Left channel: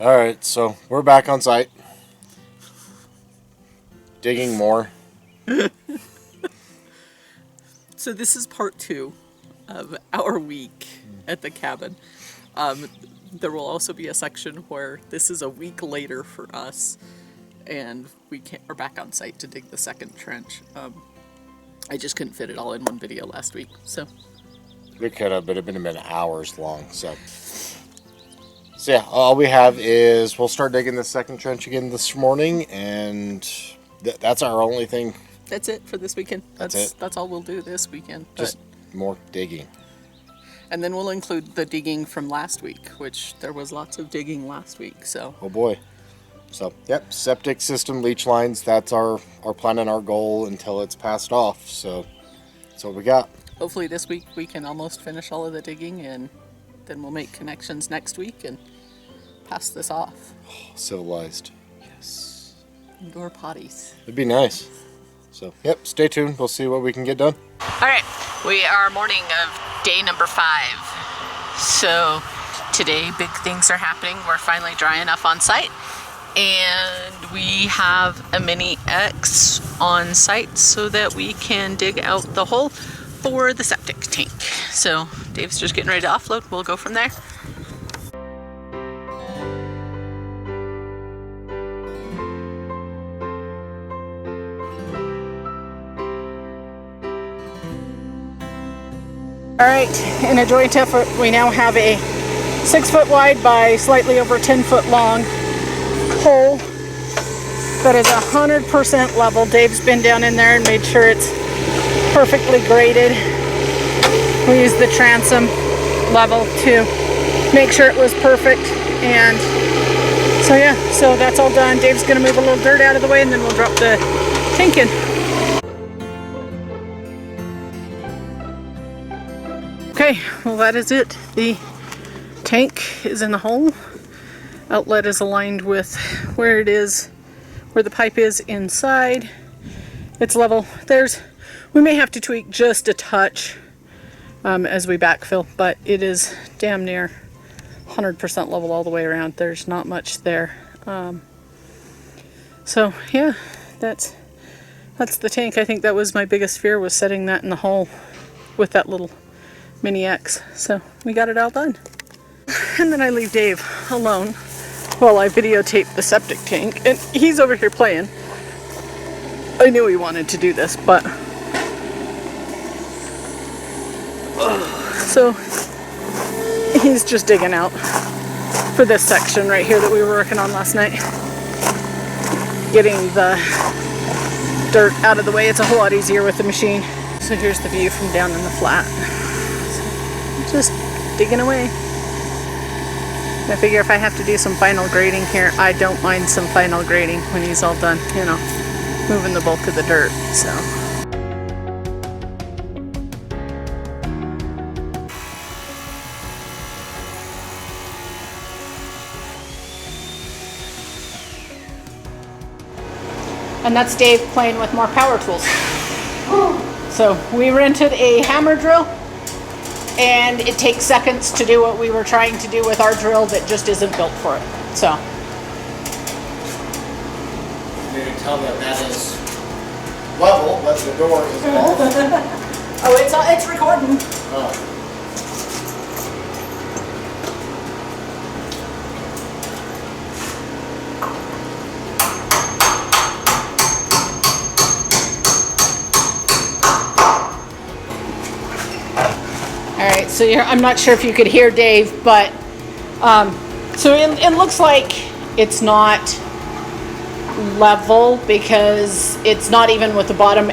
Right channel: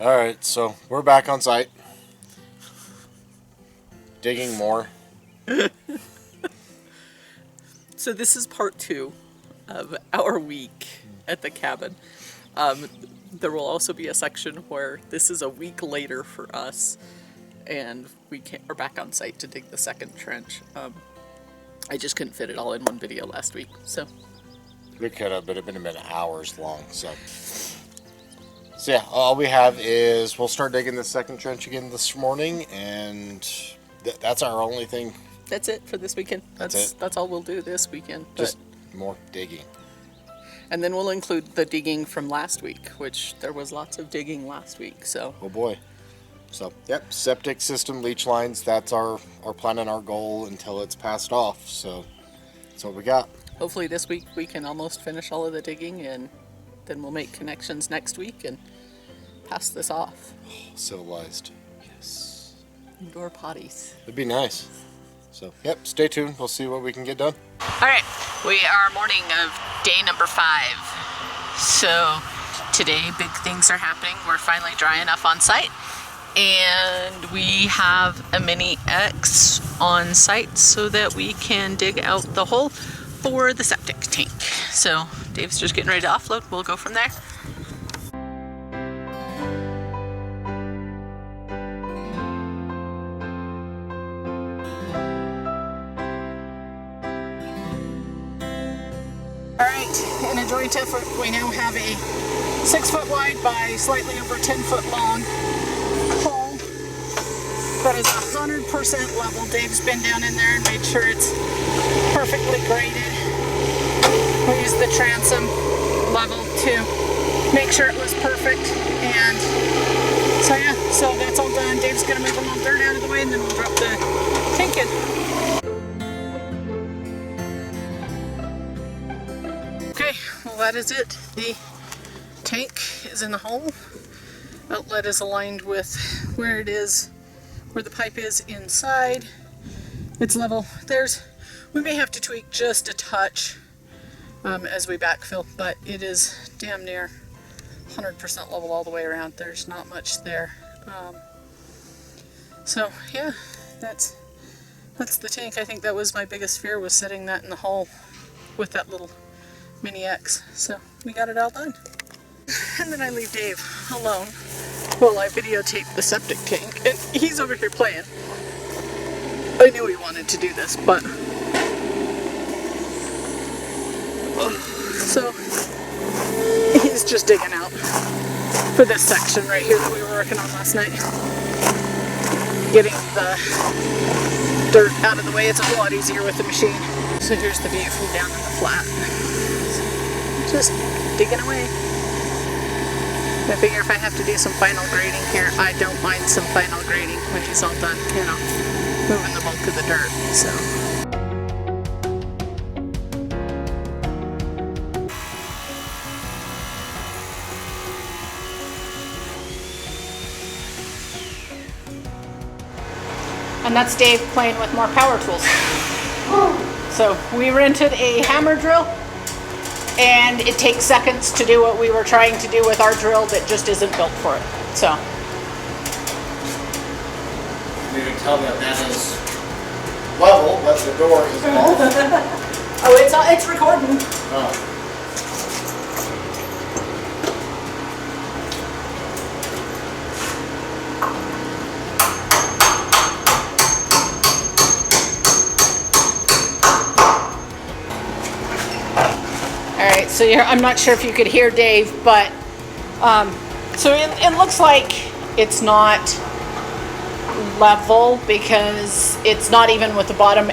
All right, so we're back on site. Digging more. So this is part 2 of our week at the cabin. There will also be a section where this is a week later for us, and we are back on site to dig the second trench. I just couldn't fit it all in one video last week, so. We could have, but it would have been hours long, so yeah, all we have is we'll start digging the second trench again this morning, and that's our only thing. That's it for this weekend. That's it. That's all we'll do this weekend. Just more digging. And then we'll include the digging from last week, which there was lots of digging last week, so. Oh boy. So, yep, septic system, leach lines, that's our plan and our goal until it's passed off, so that's what we got. Hopefully this week we can almost finish all of the digging, and then we'll make connections next week and pass this off. Oh, civilized. Yes. Indoor potties. It'd be nice. So, yep, stay tuned. We'll see what we can get done. All right, we are morning of day number 5. So today big things are happening. We're finally dry enough on site, and we have a mini X on site so that we can dig out the hole for the septic tank. So Dave's just getting ready to offload. We'll go from there. All right, in a joint effort, we now have a 6-foot wide by slightly over 10-foot long hole that is 100% level. Dave's been down in there and made sure it's perfectly graded. We used the transom level to make sure it was perfect, and so yeah, so that's all done. Dave's gonna move a little dirt out of the way, and then we'll drop the tank in. Okay, well that is it. The tank is in the hole. Outlet is aligned with where it is, where the pipe is inside. It's level. We may have to tweak just a touch as we backfill, but it is damn near 100% level all the way around. There's not much there. So yeah, that's the tank. I think that was my biggest fear, was setting that in the hole with that little mini X. So we got it all done. And then I leave Dave alone while I videotape the septic tank, and he's over here playing. I knew he wanted to do this, but so he's just digging out for this section right here that we were working on last night. Getting the dirt out of the way. It's a whole lot easier with the machine. So here's the view from down in the flat. Just digging away. I figure if I have to do some final grading here, I don't mind some final grading when he's all done, you know, moving the bulk of the dirt, so. And that's Dave playing with more power tools. So we rented a hammer drill, and it takes seconds to do what we were trying to do with our drill that just isn't built for it. So. You can tell that is level, but the door is off. Oh, it's recording. Oh. Alright, so I'm not sure if you could hear Dave, but so it looks like it's not level because it's not even with the bottom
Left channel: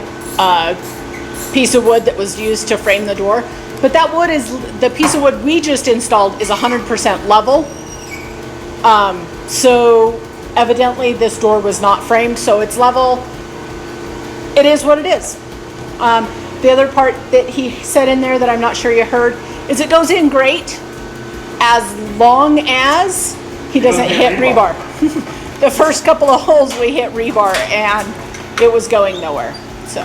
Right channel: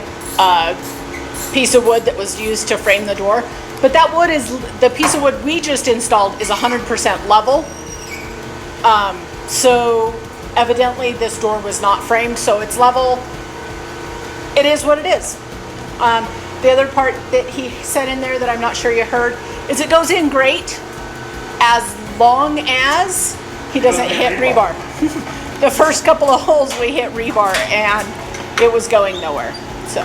piece of wood that was used to frame the door. But that wood is, the piece of wood we just installed is 100% level. So evidently this door was not framed, so it's level. It is what it is. The other part that he said in there that I'm not sure you heard is it goes in great as long as he doesn't hit rebar. The first couple of holes we hit rebar and it was going nowhere. So.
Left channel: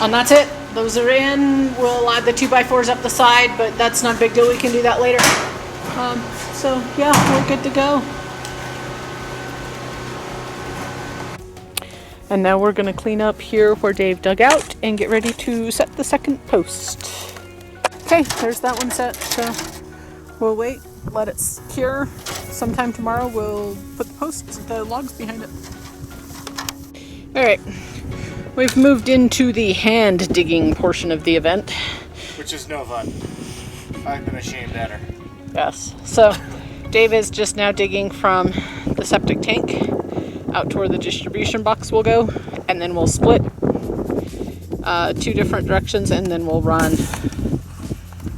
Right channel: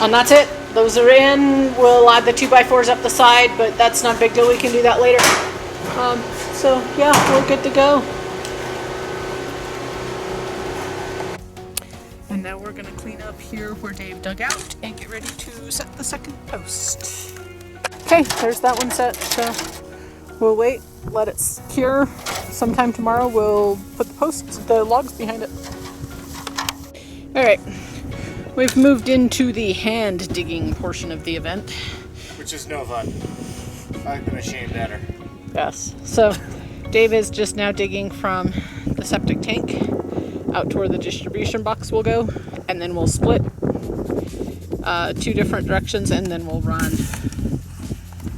And that's it. those are in. We'll add the 2x4s up the side, but that's not a big deal. We can do that later. So yeah, we're good to go. And now we're gonna clean up here where Dave dug out and get ready to set the second post. Okay, there's that one set. So we'll wait, let it cure. Sometime tomorrow we'll put the logs behind it. All right, we've moved into the hand digging portion of the event. Which is no fun. I've been ashamed at her. Yes, so Dave is just now digging from the septic tank out to where the distribution box will go, and then we'll split 2 different directions, and then we'll run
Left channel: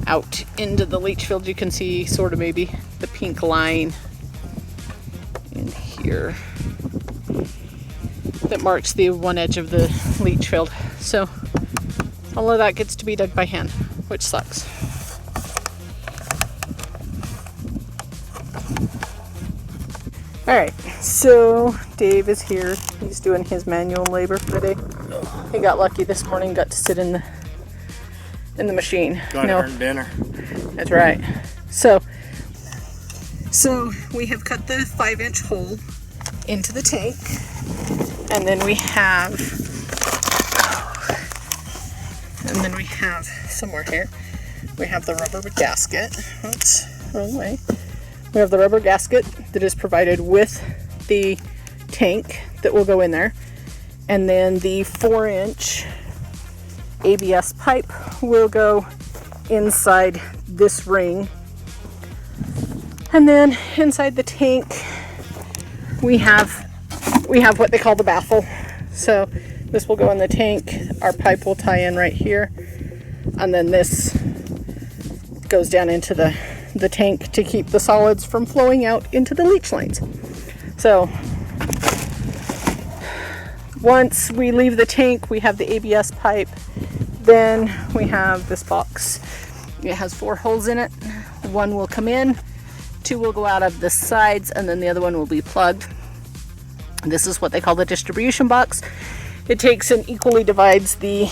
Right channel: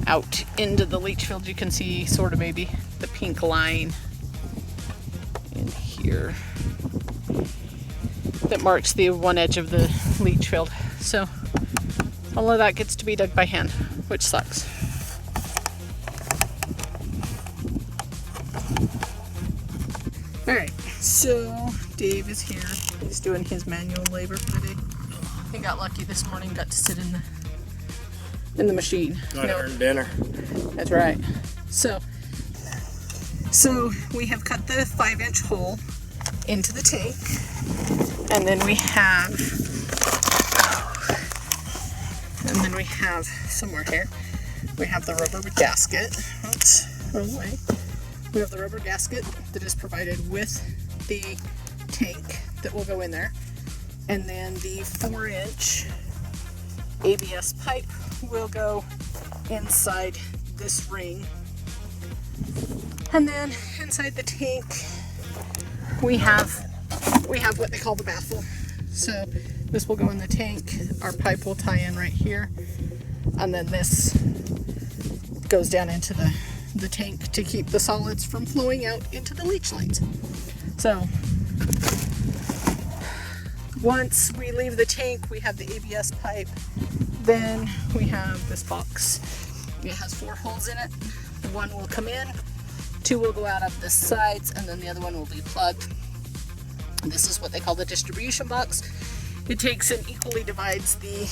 out into the leach field. You can see sort of maybe the pink line in here that marks the one edge of the leach field. So all of that gets to be dug by hand, which sucks. All right, so Dave is here. He's doing his manual labor for the day. He got lucky this morning, got to sit in the machine. Got to earn dinner. That's right. So we have cut the 5-inch hole into the tank, and then we have somewhere here, we have the rubber gasket. Oops, wrong way. We have the rubber gasket that is provided with the tank that will go in there. And then the 4-inch ABS pipe will go inside this ring. And then inside the tank, we have what they call the baffle. So this will go in the tank. Our pipe will tie in right here. And then this goes down into the tank to keep the solids from flowing out into the leach lines. So once we leave the tank, we have the ABS pipe. Then we have this box. It has 4 holes in it. 1 will come in, 2 will go out of the sides, and then the other one will be plugged. This is what they call the distribution box. It takes and equally divides the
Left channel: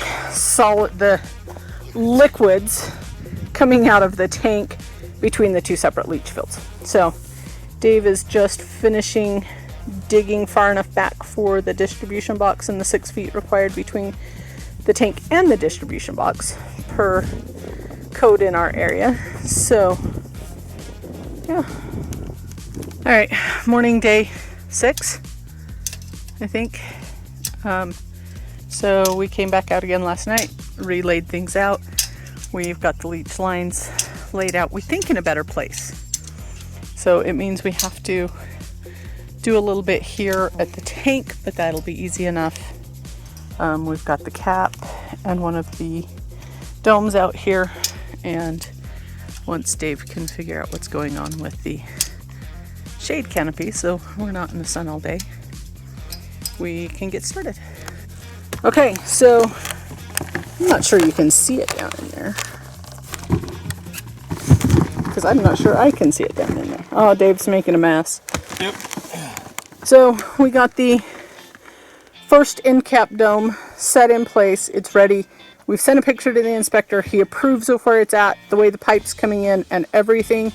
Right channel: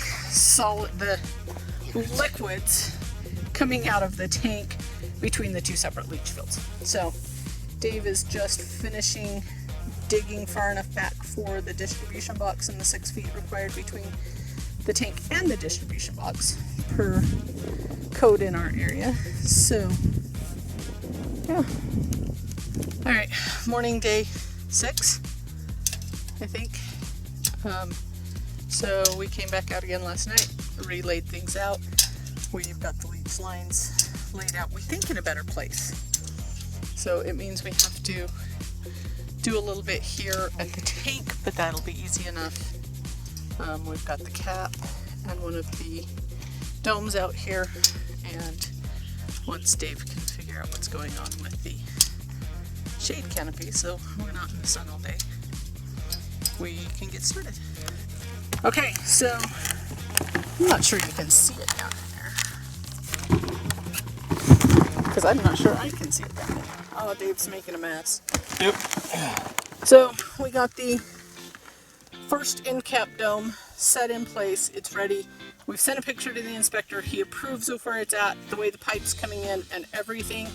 liquids coming out of the tank between the 2 separate leach fields. So Dave is just finishing digging far enough back for the distribution box and the 6 feet required between the tank and the distribution box per code in our area. So yeah. All right, morning day 6, I think. So we came back out again last night, relayed things out. We've got the leach lines laid out, we think, in a better place. So it means we have to do a little bit here at the tank, but that'll be easy enough. We've got the cap and one of the domes out here, and once Dave can figure out what's going on with the shade canopy, so we're not in the sun all day, we can get started. Okay, so I'm not sure you can see it down in there, because I'm not sure I can see it down in there. Oh, Dave's making a mess. Yep. So we got the first end cap dome set in place. It's ready. We've sent a picture to the inspector. He approves of where it's at, the way the pipe's coming in and everything.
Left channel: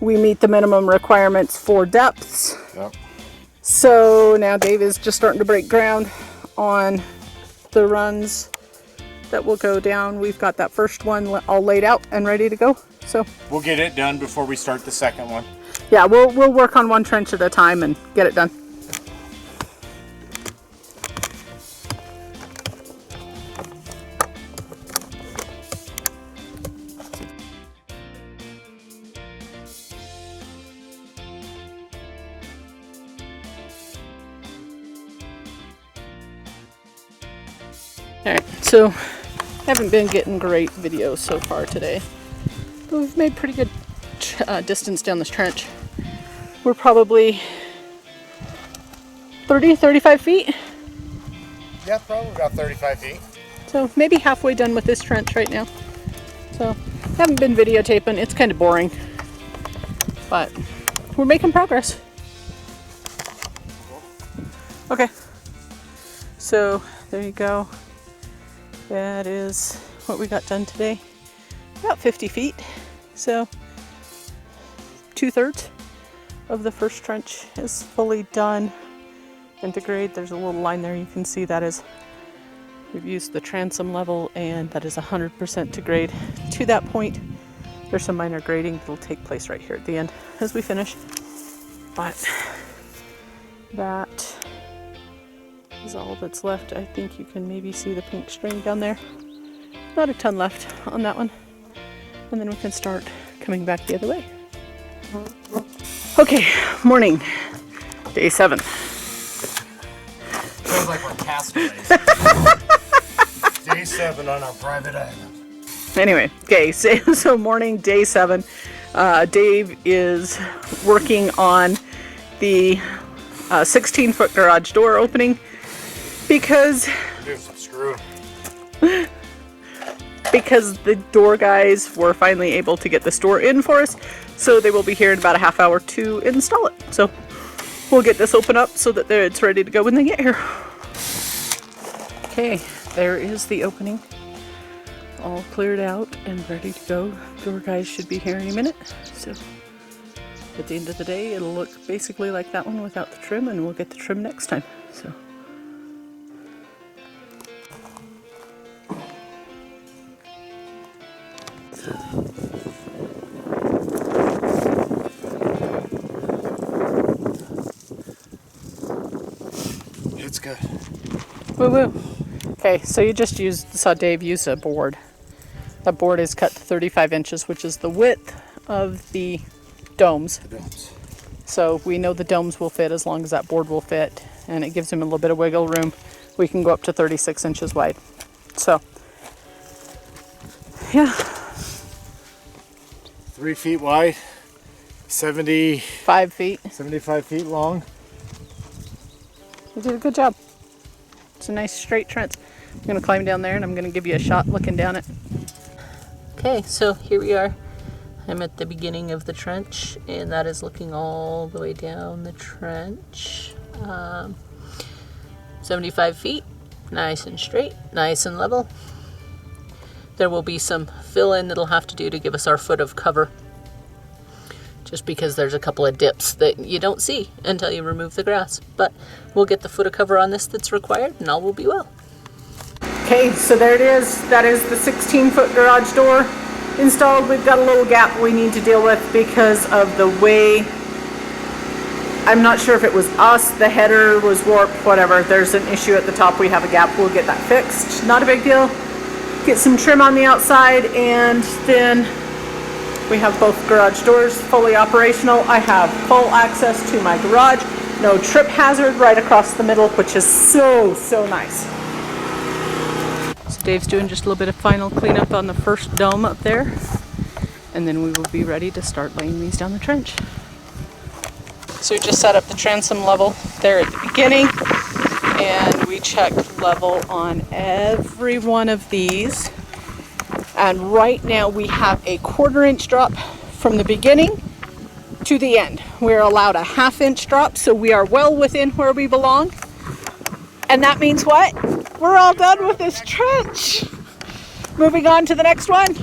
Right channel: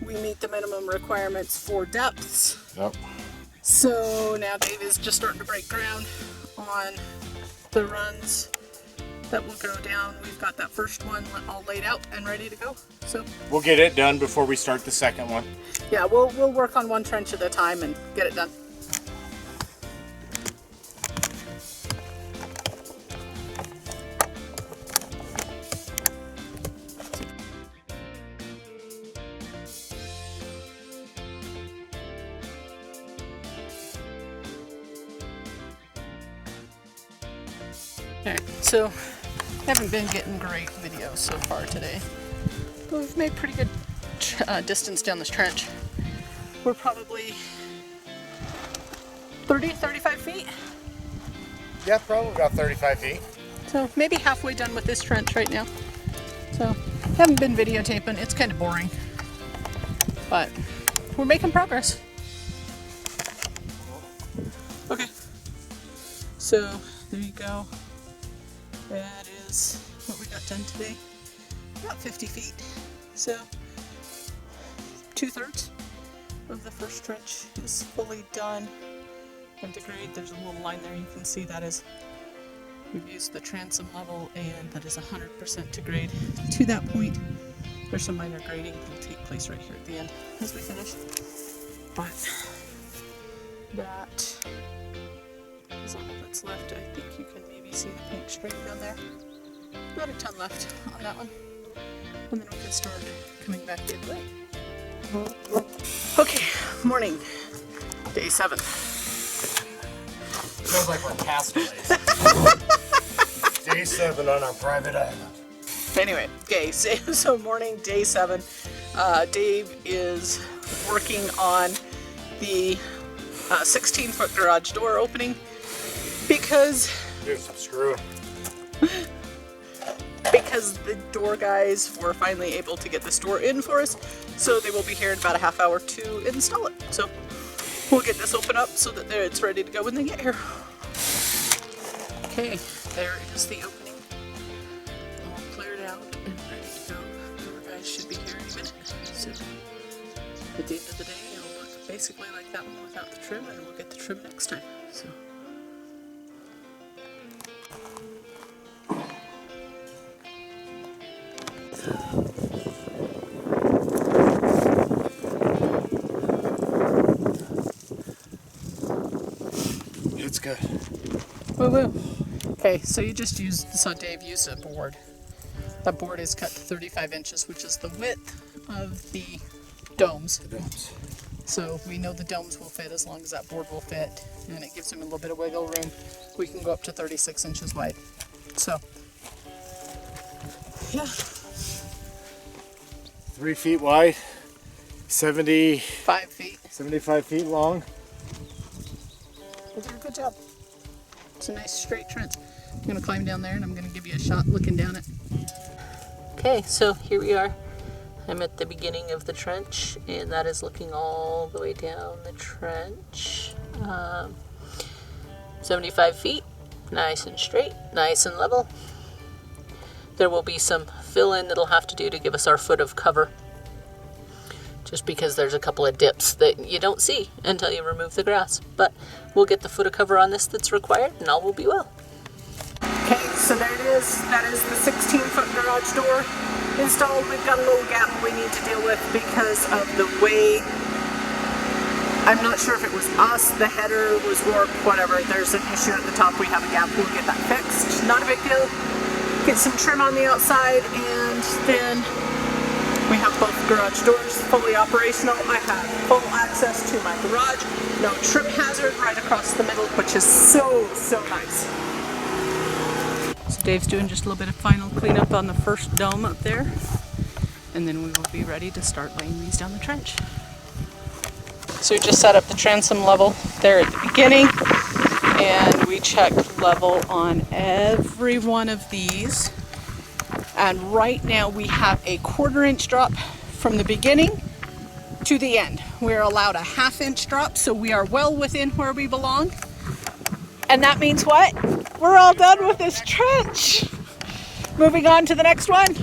We meet the minimum requirements for depths. Yep. So now Dave is just starting to break ground on the runs that will go down. We've got that first one all laid out and ready to go. So we'll get it done before we start the second one. Yeah, we'll work on one trench at a time and get it done. All right, so haven't been getting great videos so far today, but we've made pretty good distance down this trench. We're probably 35 feet. Yeah, probably about 35 feet. So maybe halfway done with this trench right now. So haven't been videotaping. It's kind of boring, but we're making progress. Okay, so there you go. That is what we got done today. About 50 feet. So 2/3 of the first trench is fully done and to grade. There's a little line there. You can see that is, we've used the transom level, and that is 100% to grade. To that point, there's some minor grading that will take place right here at the end as we finish. But that is all that's left. I think you can maybe see the pink string down there. Not a ton left on that one. And then we can start coming back the other way. Okay, morning, day 7. Feels like we're castaways. Day 7 on our private island. Anyway, okay, so morning, day 7. Dave is working on the 16-foot garage door opening because the door guys were finally able to get this door in for us, so they will be here in about a half hour to install it. So we'll get this open up so that it's ready to go when they get here. Okay, there is the opening. All cleared out and ready to go. Door guys should be here any minute. So at the end of the day, it'll look basically like that one without the trim, and we'll get the trim next time. So. It's good. Woo woo. Okay, so you just saw Dave use a board. That board is cut to 35 inches, which is the width of the domes. So we know the domes will fit as long as that board will fit, and it gives him a little bit of wiggle room. We can go up to 36 inches wide. So, yeah. 3 feet wide, 5 feet. 75 feet long. They did a good job. It's a nice straight trench. I'm gonna climb down there and I'm gonna give you a shot looking down it. Okay, so here we are. I'm at the beginning of the trench, and that is looking all the way down the trench. 75 feet, nice and straight, nice and level. There will be some fill in that'll have to do to give us our foot of cover, just because there's a couple of dips that you don't see until you remove the grass. But we'll get the foot of cover on this that's required, and all will be well. Okay, so there it is. That is the 16-foot garage door installed. We've got a little gap we need to deal with because of the way, I'm not sure if it was us, the header was warped, whatever. There's an issue at the top. We have a gap. We'll get that fixed. Not a big deal. Get some trim on the outside, and then we have both garage doors fully operational. I have full access to my garage. No trip hazard right across the middle, which is so nice. So Dave's doing just a little bit of final cleanup on the first dome up there, and then we will be ready to start laying these down the trench. So we just set up the transom level there at the beginning, and we checked level on every one of these. And right now we have a 1/4 inch drop from the beginning to the end. We're allowed a 1/2 inch drop, so we are well within where we belong. And that means what? We're all done with this trench. Moving on to the next one.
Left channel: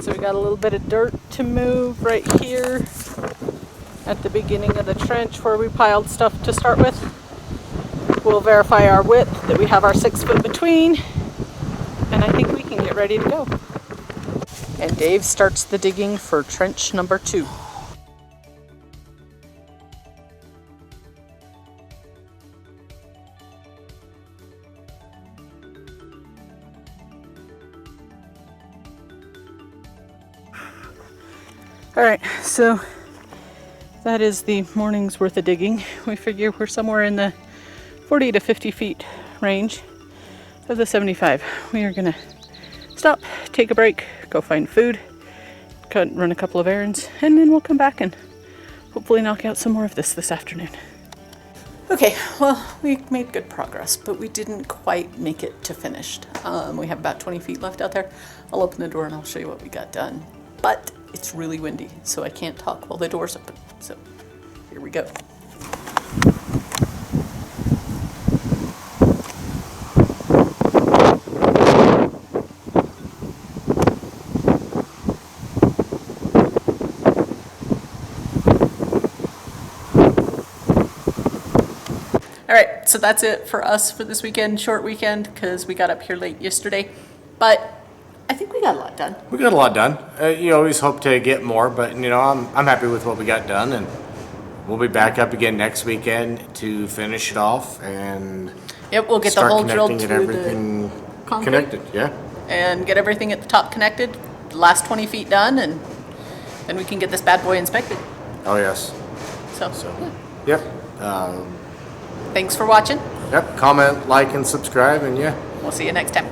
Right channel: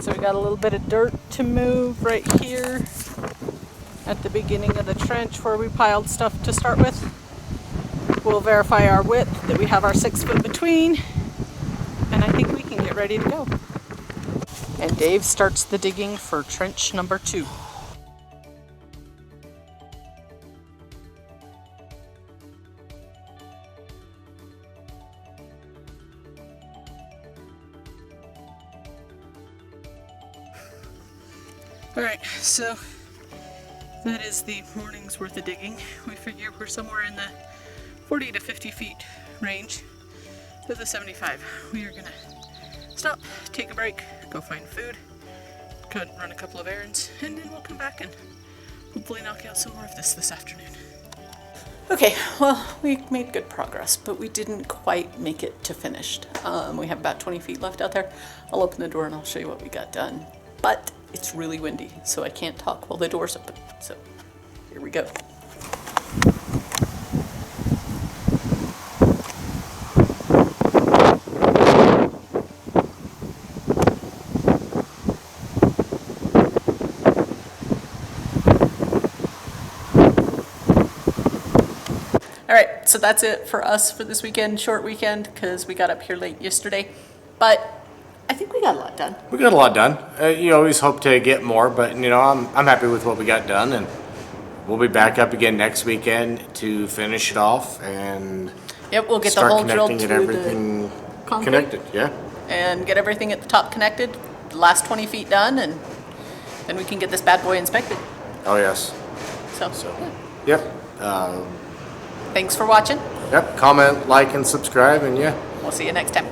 So we got a little bit of dirt to move right here at the beginning of the trench where we piled stuff to start with. We'll verify our width, that we have our 6 foot between, and I think we can get ready to go. And Dave starts the digging for trench number 2. All right, so that is the morning's worth of digging. We figure we're somewhere in the 40 to 50 feet range of the 75. We are gonna stop, take a break, go find food, run a couple of errands, and then we'll come back and hopefully knock out some more of this afternoon. Okay, well, we made good progress, but we didn't quite make it to finished. We have about 20 feet left out there. I'll open the door and I'll show you what we got done. But it's really windy, so I can't talk while the door's open. So here we go. All right, so that's it for us for this weekend, short weekend, because we got up here late yesterday. But I think we got a lot done. We got a lot done. You always hope to get more, but I'm happy with what we got done, and we'll be back up again next weekend to finish it off and Yep, we'll get the start hole drilled connecting to and everything the concrete. connected. Yeah. And get everything at the top connected, the last 20 feet done, and then we can get this bad boy inspected. Oh yes. So, Yep. thanks for watching. Yep. Comment, like, and subscribe, and yeah. We'll see you next time.